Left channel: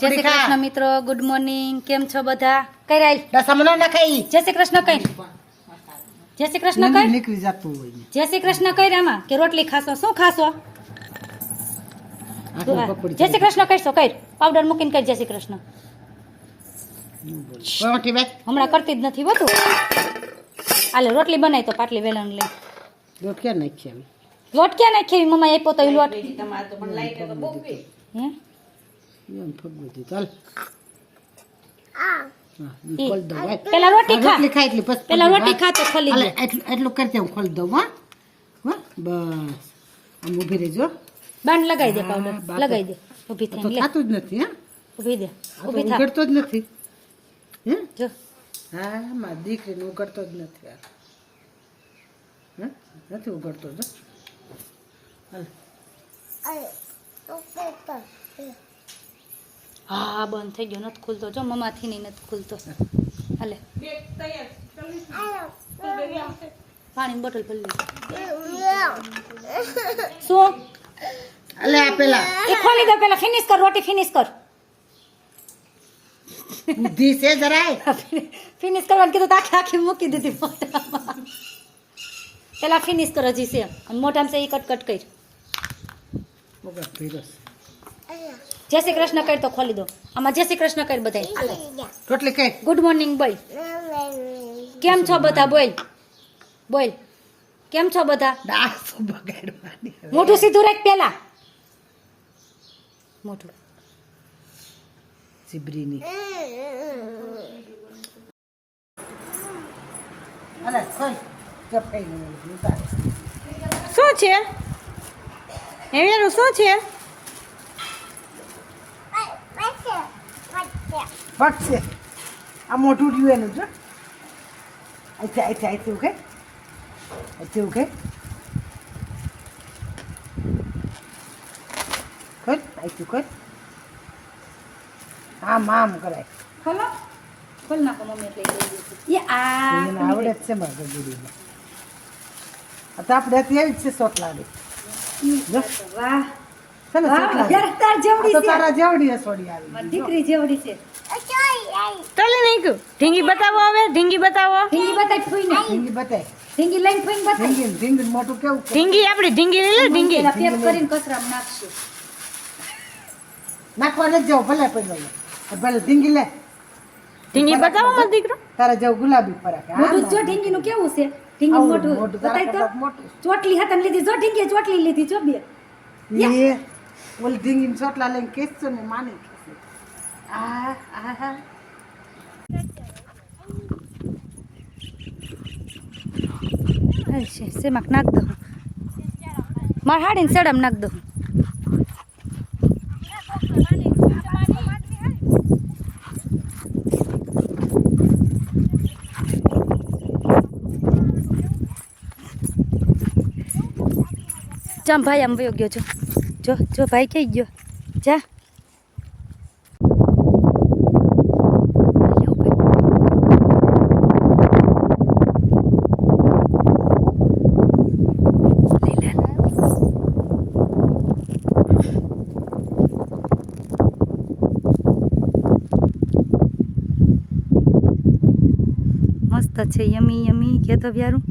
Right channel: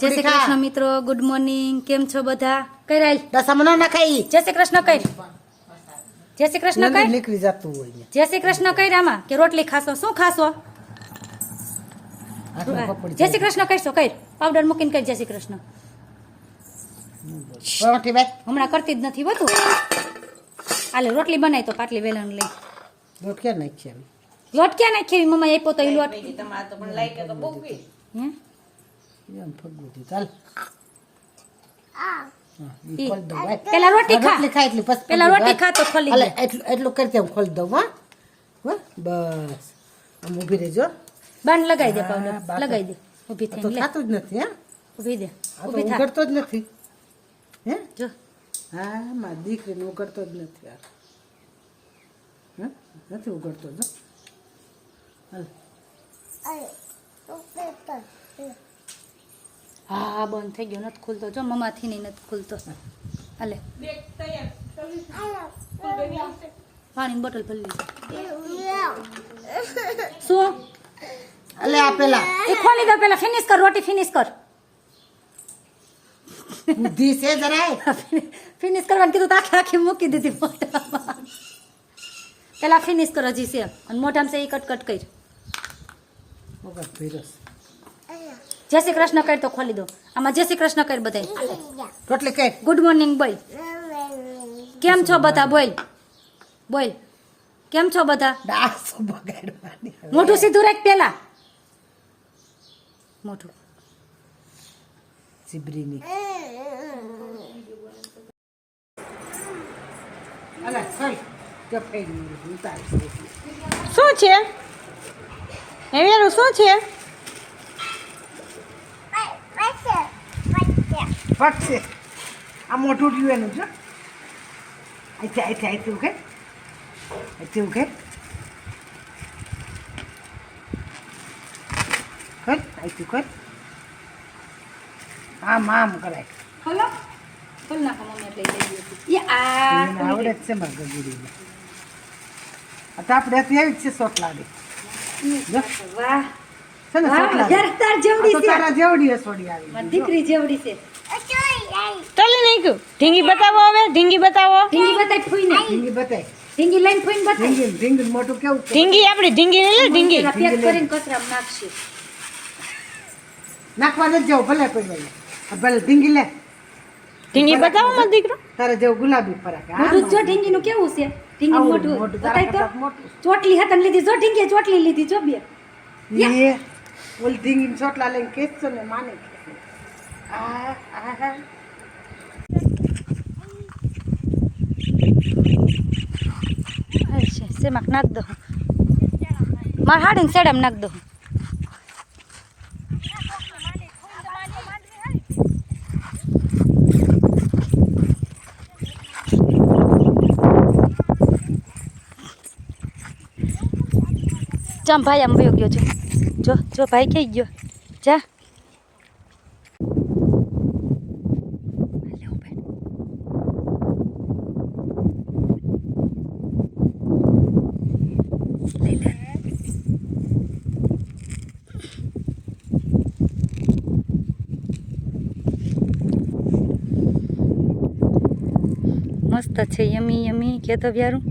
જય શ્રી કૃષ્ણ મિત્રો, good morning. કેમ છો બધા? કઈ રાઈ દસામનો ના ખાઈ જય શ્રી કૃષ્ણ કઈ જય શ્રી કૃષ્ણ કઈ નીકળી જતું હોય જય શ્રી કૃષ્ણ કઈ રામાં કે રોટલી ખાશો? શું ખાશો? જય શ્રી કૃષ્ણ કહીશો? કઈ પાવડર મૂકીને કઈ જય શ્રી કૃષ્ણ. હમણાં કરતી જ નથી બધું. હાલે રોટલી બનાવી તો પાટલી વેલણ લઈ. લોટ ક્યાં નાખી લોટ ક્યાં નાખી? મમ્મા આપ્યો તો એ લોટ. હે પેલા રોટી ખા, પેલા રોટી ખા તો ખોલી દે. એટલું કરી દે, ખોલી દઉં. હા બસ આમ ઊભી રહેજો. બાંધ લગાવી દે, પાવડર લગાવી દે. ઊભી થઈને લે. થતું જ નથી. હા ઊભી દે, ઊભી થા. ઉગડતો જ નથી. હે જો હા મારી દીકરીને ઉગડતો જ નથી. હા નથી ઉગડતો. જો હા બંધ થઈ ગયો, નથી ખુલતો. જો મમ્માથી નહીં નથી ખુલતો. હાલે પાણીની બોટલ ભરી લીધી. શું અલે આ પેલા એ ખોલી દો, પેલા ફિનિશ કર, રોટી ફિનિશ કર. બુદ્ધિ છે જરાય. ફિનિશ કરવાનું કીધું તો આખી આખી મૂકી દીધી મોઢામાં. પેલા ફિનિશ કર, હજી છે. અને મોઢામાં છે એ કટ કરી. વગર ધીરજ. જય શ્રી કૃષ્ણ કર તો ખોલી દો. આમાં જય શ્રી કૃષ્ણ કર બધા. રોટલી કઈ ગુડ મોર્નિંગ બોલ. કેમ છો બધા? બોલ બોલ. કેમ છો બધા? ડાસો બગાડવાની. મોઢું સીધું રાખ પેલા. મોઢું સિબરીની. અલે ખાઈ ચપઈ ઉતાર. શું છે એનું? શું છે? ફટશે. આ મોટું રહ્યું એનું. જો અહીંથી ઉઘે, અહીંથી ઉઘે. કર અહીંથી કર. આમ કરાય. ખોલો, ખોલ નાખો મમ્મી. એટલે લઈ લીધી. એને આવડે જ છે મારા ગગુડીને. આ તો આપણે હતી આવી જ છે સોટલાડી. જો વાહ છે ને સોટલાડી. યાર તાર જેવડી તો છે. તારા જેવડી સોડી આવી. મારી દીકરી જેવડી છે. તલી નાખ્યું. ઢીંગી બતાવો, હવે ઢીંગી બતાવો. ઢીંગી બતાય ફૂઈને. ઢીંગી બતાય. ઢીંગી લઈને ફૂઈને બતાય. ઢીંગી મોટું કેવું છે? ઢીંગી આપણી ઢીંગી લઈ લે. ઢીંગી પેલા પેક કરીને કચરામાં નાખશે. નાખવા નથી જાવ ભલે પડવાય. ભલે ઢીંગી લે. ઢીંગી બતાવો મારો દીકરો. તારા જેવું ગુલાબી ફરાક. મોઢું જો ઢીંગીનું કેવું છે? ઢીંગી આવડું મોઢું મોઢું તારા બતાય તો. કરતાં મોટું. ચોટલી હતા ને લીધી. જો ઢીંગી ચોટલી લીધી. જો બે એ ઓલી ઢીંગી ચોટલા લઈને ખેંચતો ને માને ખેંચે. આ છે સેમાં નાખ દઉં. મારે હાડીને સેડામાં નાખ દઉં. ચામ ભાઈ આમ વયો ગયો. જો ભાઈ કઈ ગયો. જા મસ્ત છે. યમી યમી કે તો વ્યારું.